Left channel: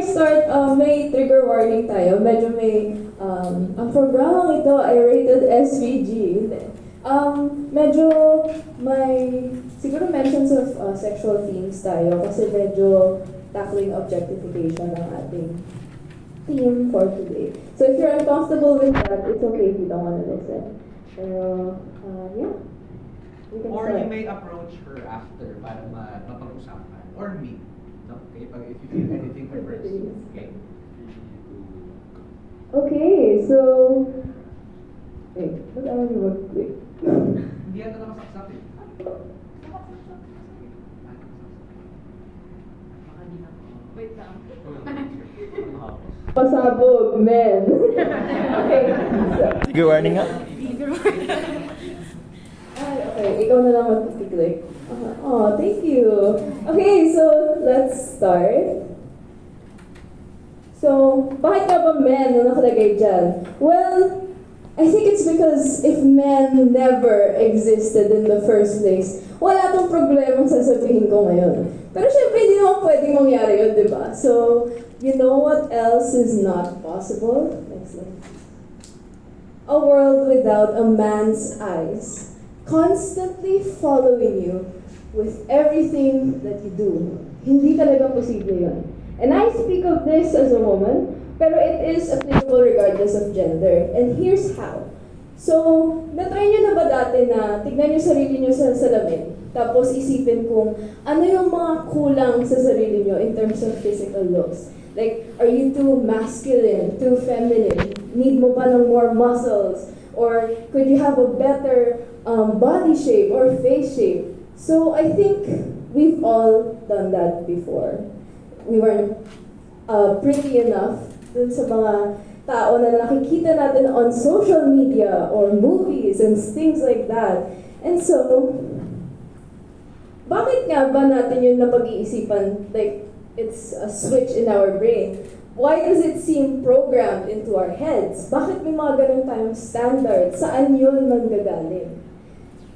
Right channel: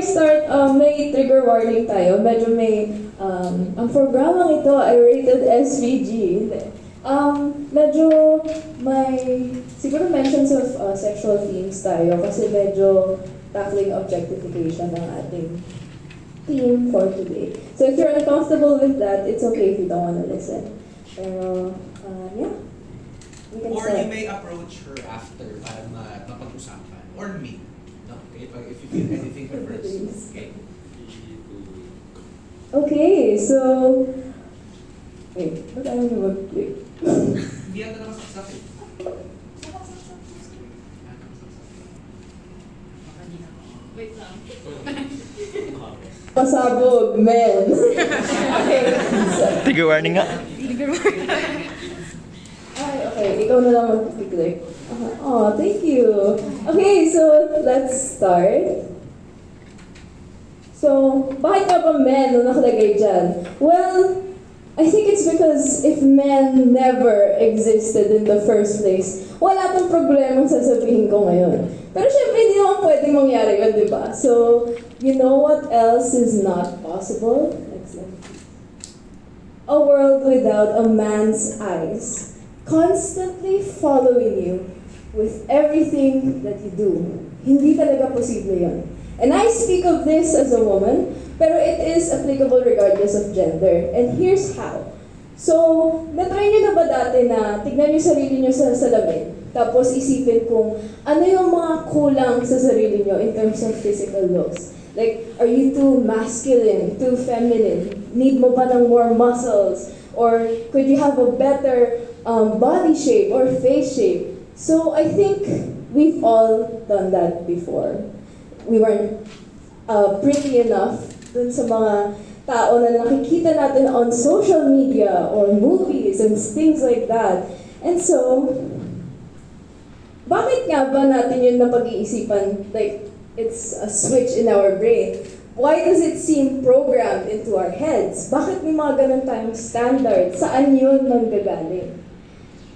I start, may trigger warning tayo. Medyo may, ang programang ito ay rated SVG. Medyo may, siguro mentions of sexual themes tayo kasi medyo tackling objectification ng ating theme for today. So if you're uncomfortable with that, it's okay if you don't want to listen. Pero, yeah. Or you may approach her after para mapag-usapan. Or me. No? Okay? If you feel anything first. Okay? Okay, so... Wait, what am I mag-click? Hindi yata nakasaksak eh. Wait lang. Pasabog, men. Okay. Trigger warning nga. Okay, ikaw na lang mag-click. Oh, thank you. Okay, so let's start. So, bakit ka ba men na nakalagay dyan? Well, I think it's because if men never existed in the first place, wala tong problemang sasabihin ko ngayon. Pero syempre, hindi naman pwedeng mangyari yun, di ba? So, you know what else is not possible? Next slide. A world without a man's eyes, constantly following you with everything that you do. Hindi talaga posible yun. And I speak of this as a woman, pero it is applicable regardless of gender. And here's how. So, na-try nyo na ba dati na tignan nyo sarili nyo sa salamin, tapos isipin kung ano yung mga kulang sa sarili nyo in terms of physical looks? Like, are you too masculine, too feminine? Need mo ba ng more muscles? Or could you have a better body shape or face shape? So, I think we've all done that before. We weren't pretty enough dun sa mga tao na nakikita natin on social media or movies and things like that. And so, bakit nga ba natin yun napag-iisipan? Like, it's a switch in our brain. Why does it seem programmed into our heads? Bakit may mga ganun tayong standard? Saan yun manggagaling?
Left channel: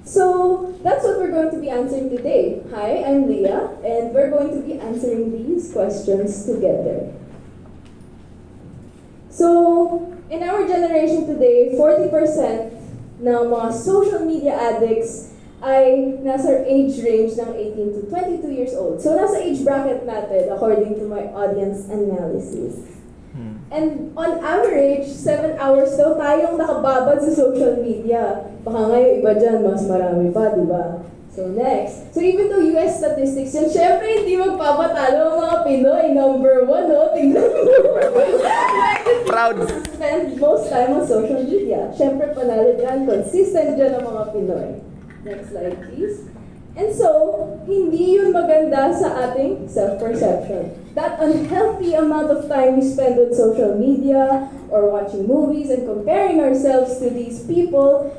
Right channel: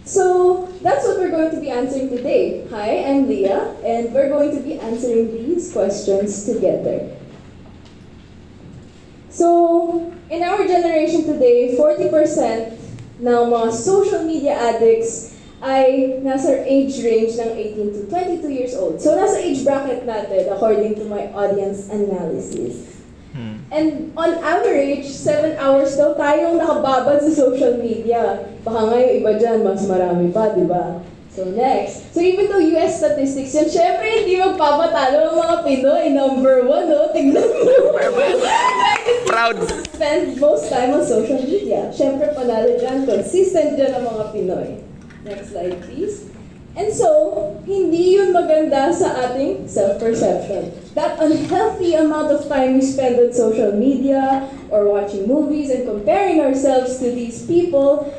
So, that's what we're going to be answering today. Hi, I'm Leah, and we're going to be answering these questions together. So, in our generation today, 40% ng mga social media addicts ay nasa age range ng 18 to 22 years old. So, nasa age bracket natin according to my audience analysis. And on average, 7 hours daw tayong nakababad sa social media. Baka nga yung iba dyan, mas marami pa, di ba? So next. So even though US statistics yan, syempre hindi magpapatalo ang mga Pinoy. Number 1, no? Tingnan mo. Proud. Spend most time on social media. Syempre panalo dyan, consistent dyan ang mga Pinoy. Next slide, please. And so, hindi yun maganda sa ating self-perception. That unhealthy amount of time we spend on social media or watching movies and comparing ourselves to these people,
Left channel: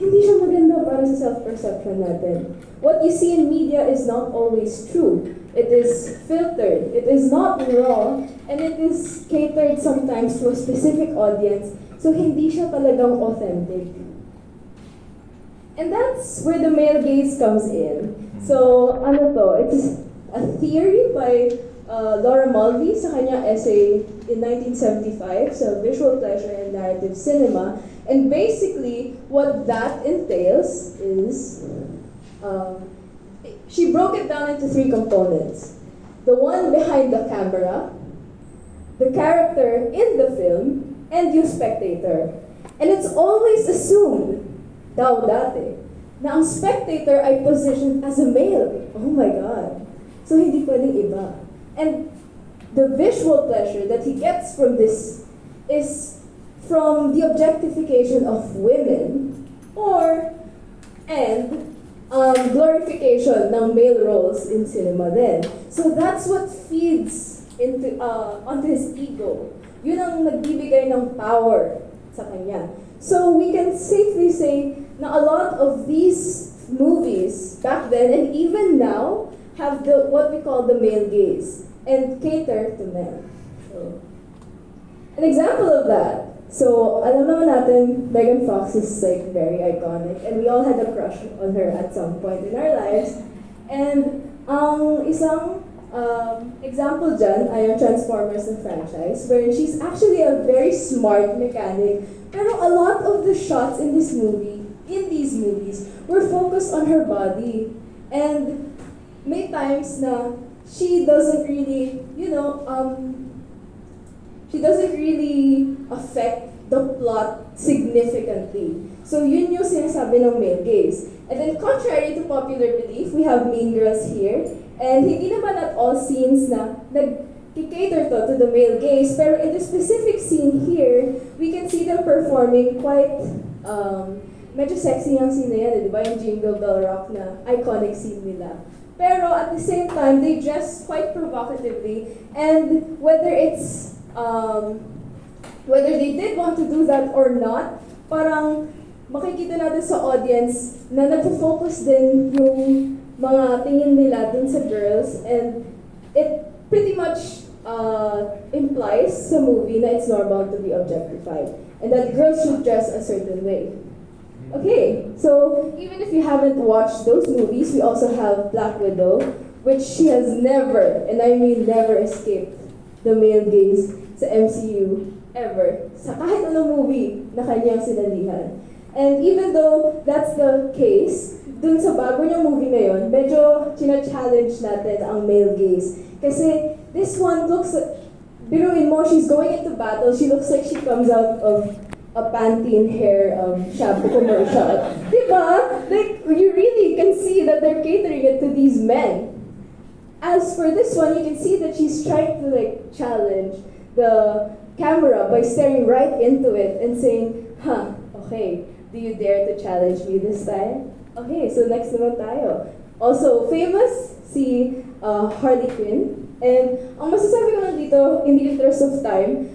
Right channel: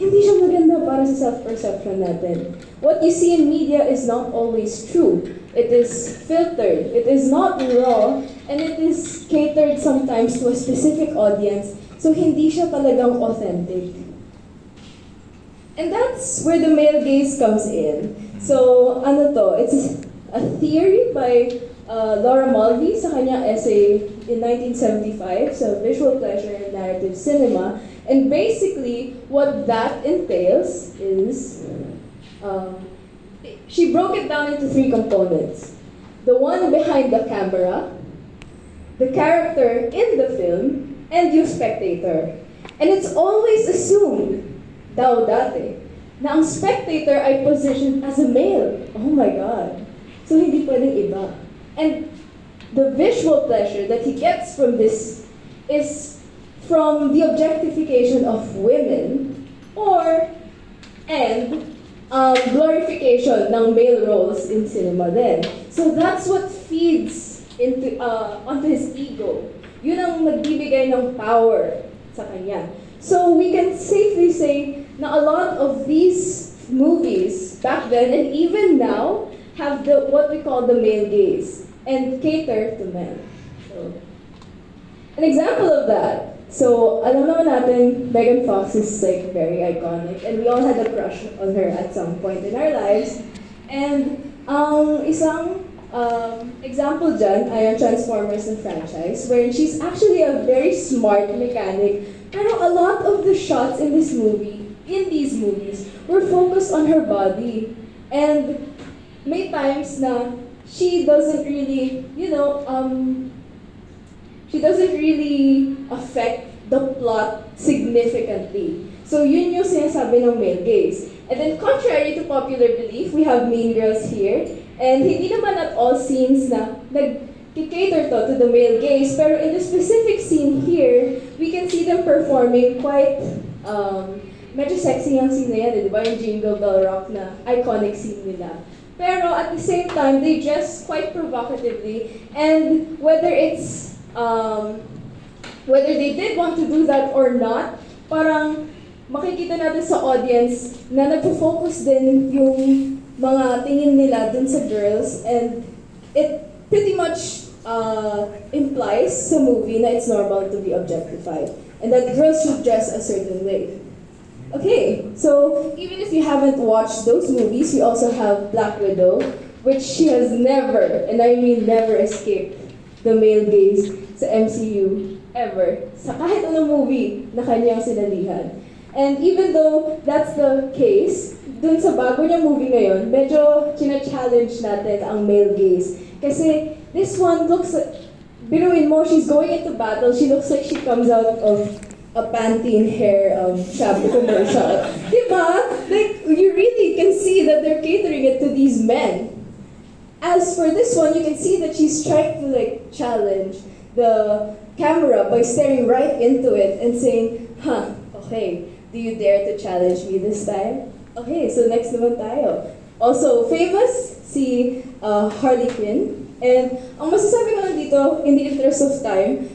hindi siya maganda para sa self-perception natin. What you see in media is not always true. It is filtered, it is not raw, and it is catered sometimes to a specific audience, so hindi siya talagang authentic. And that's where the male gaze comes in. So, ano to? It's a theory by Laura Mulvey sa kanyang essay in 1975, so Visual Pleasure and Narrative Cinema. And basically, what that entails is, she broke it down into 3 components. The one behind the camera, the character in the film, and you spectator. And it's always assumed, daw dati, na ang spectator ay positioned as a male. Oh my God. So hindi pwedeng iba. And the visual pleasure that he gets from this is from the objectification of women and glorification ng male roles in cinema then. So that's what feeds into onto his ego. Yun ang nagbibigay ng power sa kanya. So we can safely say na a lot of these movies back then and even now have the what we call the male gaze and cater to men. So, an example of that. So, alam naman natin, Megan Fox is like very iconic and we all had a crush on her at some point in our lives. And ang isang Example dyan ay ang Transformers na franchise, wherein she's actually a very smart mechanic, pero a lot of the shots in these movies, were focused on her body. And may times na she doesn't really, she doesn't really affect the plot significantly. So yun yung sinasabi ng male gaze. And then contrary to popular belief, we have Mean Girls here. And hindi naman at all scenes na nag-cater to the male gaze, pero in the specific scene here, we can see them performing quite, medyo sexy yung scene na yan, di ba? Yung Jingle Bell Rock na iconic scene nila. Pero at the same time, they dress quite provocatively, and whether they did want to do that or not, parang makikita natin sa audience na nagpo-focus din yung mga tingin nila dun sa girls, and it pretty much implies sa movie na it's normal to be objectified and that girls should dress a certain way. Okay, so even if you haven't watched those movies, we also have Black Widow, which she has never, and I mean never, escaped the male gaze sa MCU ever, sa kahit anong movie na kanyang sinalihan. And even though that's the case, dun sa bago niyang movie ngayon, medyo china-challenge natin ang male gaze. Kasi this one looks like, biruin mo, she's going into battle, she looks like she comes out of a Pantene hair shampoo commercial. Diba? Like, you really can see that they're catering it to these men. As for this one, you can see that she's trying to challenge the camera by staring right into it and saying, okay, do you dare to challenge me this time? Okay, so next naman tayo. Also famous, si Harley Quinn. And ang masasabi ko lang dito, in the interest of time,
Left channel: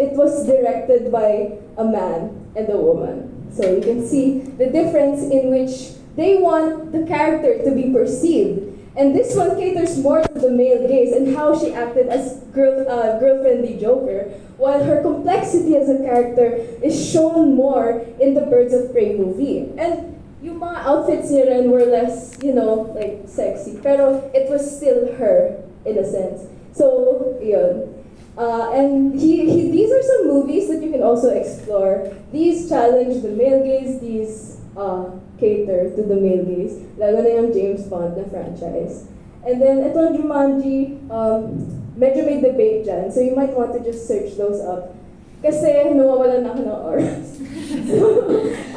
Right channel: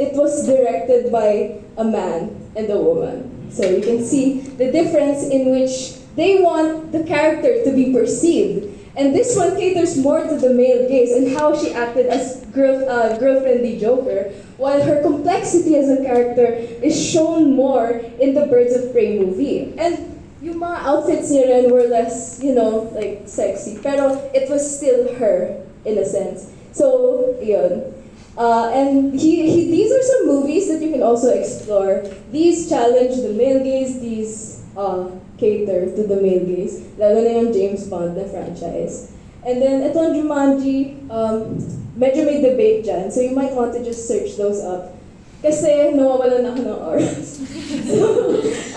it was directed by a man and a woman. So you can see the difference in which they want the character to be perceived. And this one caters more to the male gaze and how she acted as girlfriendly Joker, while her complexity as a character is shown more in the Birds of Prey movie. And yung mga outfits niya rin were less, sexy, pero it was still her, in a sense. So, yun. And these are some movies that you can also explore. These challenge the male gaze, these cater to the male gaze, lalo na yung James Bond na franchise. And then, itong Jumanji, medyo may debate dyan, so you might want to just search those up. Kasi nawawalan na ako ng oras. So,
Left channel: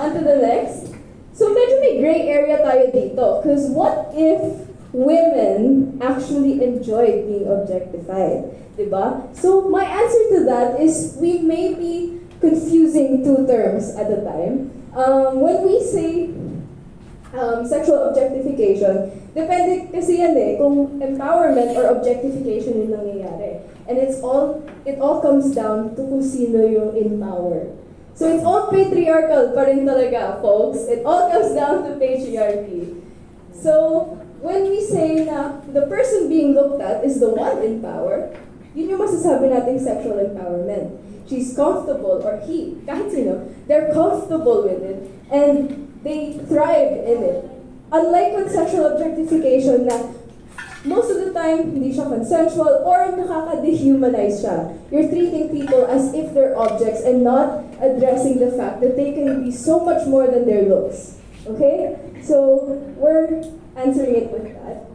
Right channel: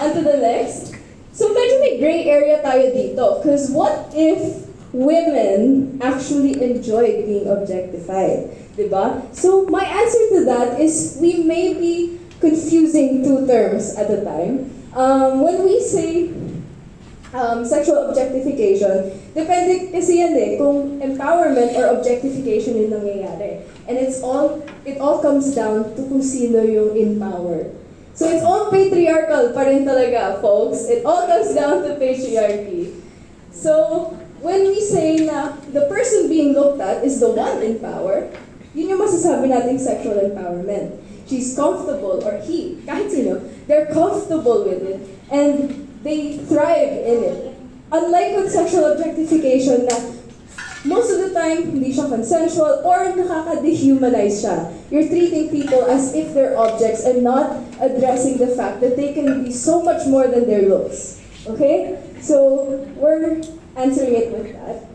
on to the next. So, medyo may gray area tayo dito, because what if women actually enjoyed being objectified? Diba? So, my answer to that is we may be confusing two terms at a time. When we say sexual objectification, depende kasi yan kung empowerment or objectification yung nangyayari. And it all comes down to kung sino yung in power. So it's all patriarchal pa rin talaga, folks. It all comes down to patriarchy. So when we say na the person being looked at is the one in power, yun yung masasabi nating sexual empowerment. She's comfortable, or he, kahit sino, they're comfortable with it, and they thrive in it. Unlike with sexual objectification na most of the time, hindi siya consensual or nakaka-dehumanize siya. You're treating people as if they're objects and not addressing the fact that they can be so much more than their looks. Okay? So, we're answering it with that.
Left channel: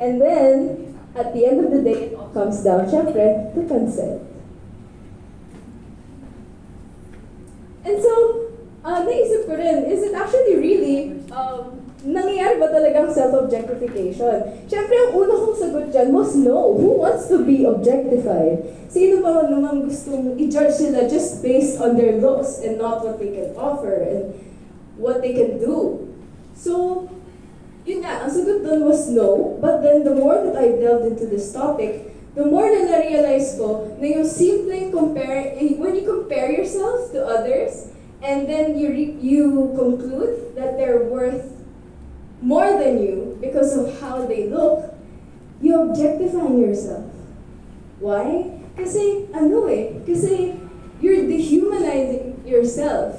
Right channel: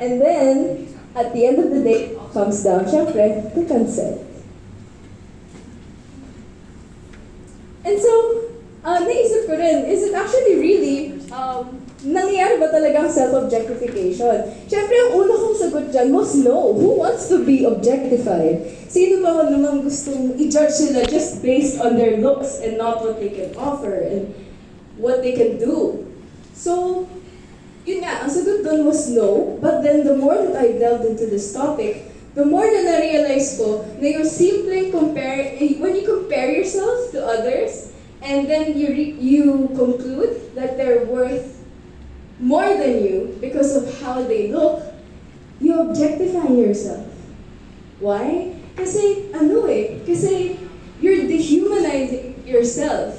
And then, at the end of the day, it all comes down, syempre, to consent. And so, naisip ko rin, is it actually really, nangyayari ba talagang self-objectification? Siyempre, ang una kong sagot dyan was no. Who wants to be objectified? Sino ba naman gustong i-judge sila just based on their looks and not what they can offer and what they can do? So, yun nga, ang sagot dun was no. But then, the more that I delved into this topic, the more na na-realize ko na yung simpleng when you compare yourself to others, and then you conclude that they're worth more than you because of how they look, you're objectifying yourself. Why? Kasi, kasi you're dehumanizing yourself.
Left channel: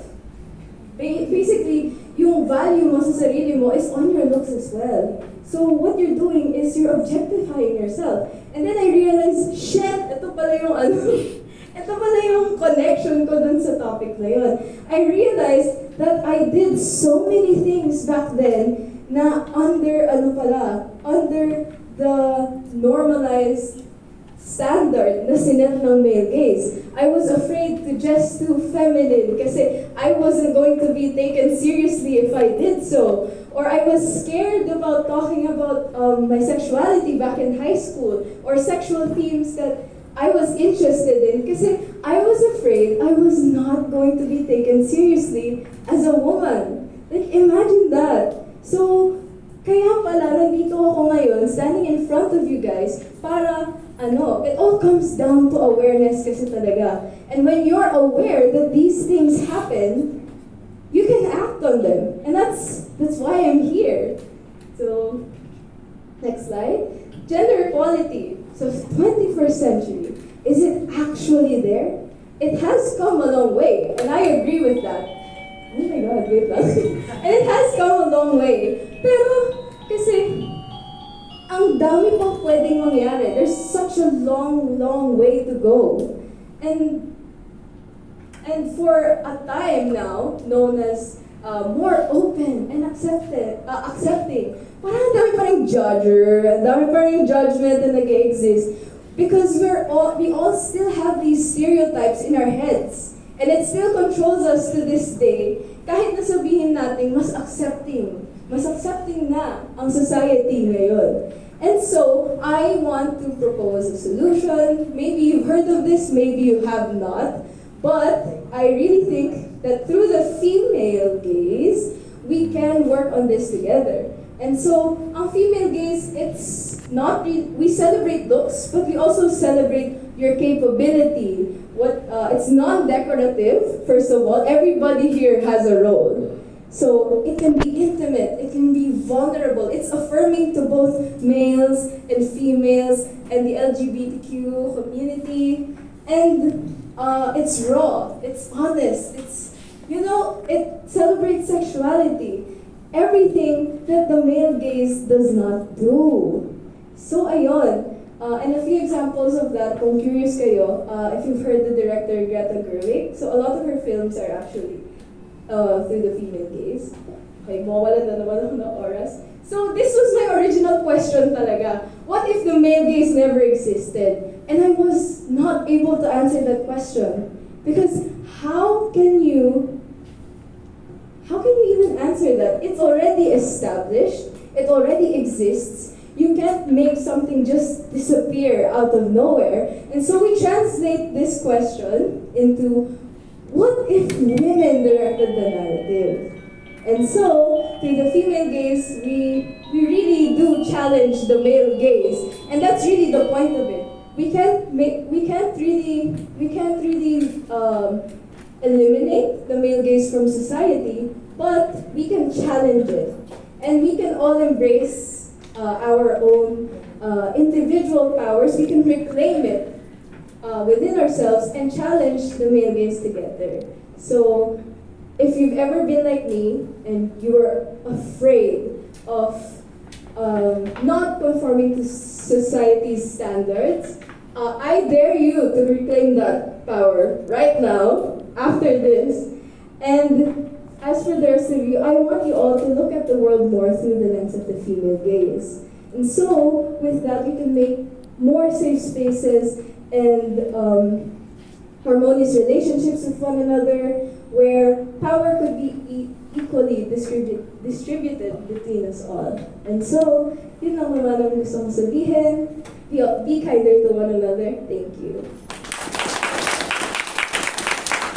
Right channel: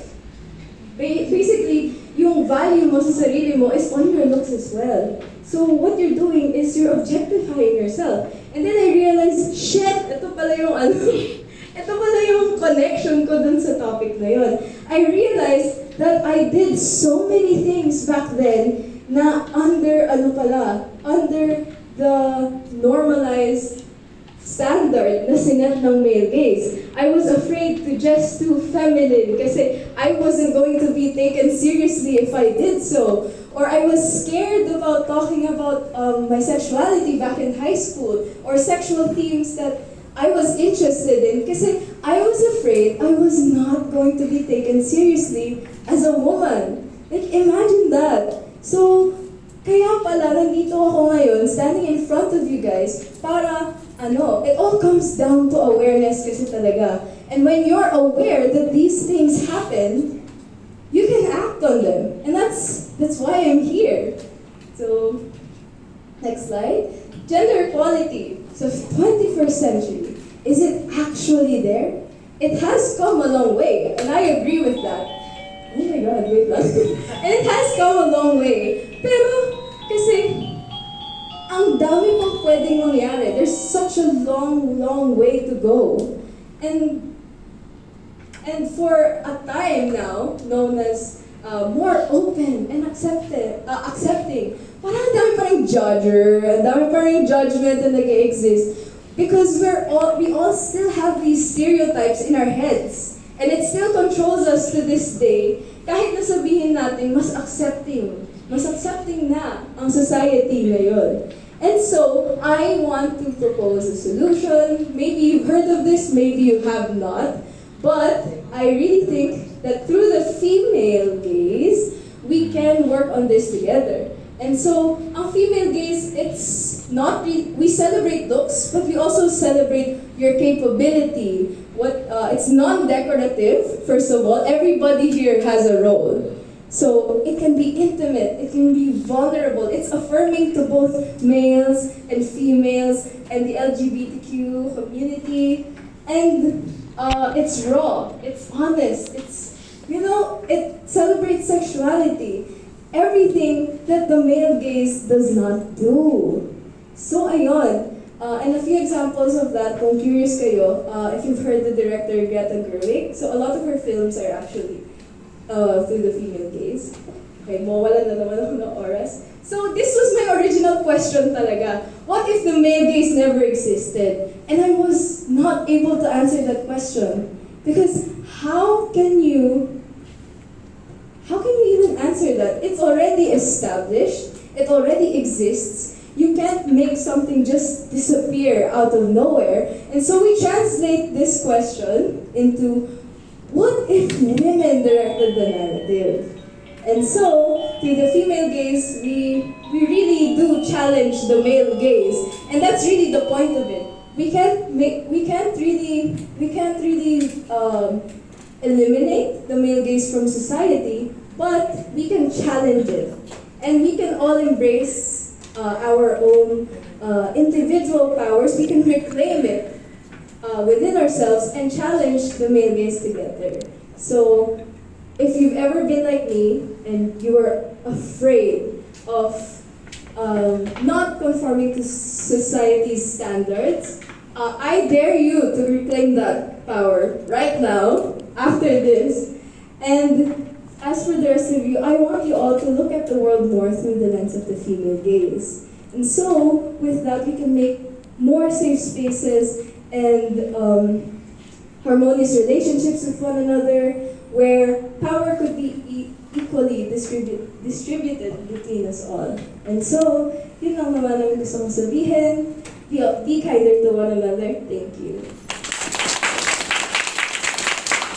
Basically, yung value mo sa sarili mo is on your looks as well. So what you're doing is you're objectifying yourself. And then I realized, shit, ito pala yung ito pala yung connection ko dun sa topic na yun. I realized that I did so many things back then na under the normalized standard na sinet ng male gaze. I was afraid to just do feminine kasi I wasn't going to be taken seriously if I did so. Or I was scared about talking about my sexuality back in high school or sexual themes that I was interested in kasi I was afraid I was not going to be taken seriously as a woman. Like, imagine that. So, kaya pala nandito ako ngayon, standing in front of you guys, para, it all comes down to awareness kasi talaga. And when you're aware that these things happen, you can act on them. And that's why I'm here. So, next slide. Gender equality. So, 21st century, is it actually there? It has come a long way, and I agree with that. Oh my God, wait lang. And it has come a long way. Pero, kasi, ang dami pang pwedeng mangyari. There's such a long, long way to go. And for a time now, known as more open and accepting, parang ang dami pa rin judger, ang dami pa rin judgment na nag-exist. Because we all still have these stereotypes in our heads. And it still controls us to this day. Kahit nasabihin natin, mas accepting na ang society ngayon. And so, I want to propose a solution. Maybe you've heard of this, maybe you have not. But I really think that through the female gaze, we can work on this together. And so, ang female gaze, it's not we celebrate looks, but we also celebrate your capability. It's non-decorative, first of all. Everybody here has a role. So it can be intimate, it can be vulnerable. It's affirming to both males and females and the LGBTQ community. And it's raw, it's honest, it celebrates sexuality. Everything that the male gaze does not do. So ayun. And a few examples of that, kung curious kayo, if you've heard the director Greta Gerwig, so a lot of her films are actually through the female gaze. Okay, mawawalan na naman ako ng oras. So this was my original question talaga. What if the male gaze never existed? And I was not able to answer that question. Because how can you even answer that? It's already established. It already exists. You can't make something just disappear out of nowhere. And so we translate this question into, what if women directed the narrative? And so, through the female gaze, we really do challenge the male gaze. And that's really the point of it. We can't really eliminate the male gaze from society, but we can challenge it. And we can all embrace our own individual powers. We can reclaim it within ourselves and challenge the male gaze together. So, if you've ever been like me and you are afraid of not conforming to society's standards, I dare you to reclaim that power right now, after this. And as for the rest of you, I want you all to look at the world more through the lens of the female gaze. And so, with that, we can make more safe spaces and harmonious relationships with one another, where power could be equally distributed between us all. And so, yun lang naman ang gusto kong sabihin. Be kinder to one another. Thank you.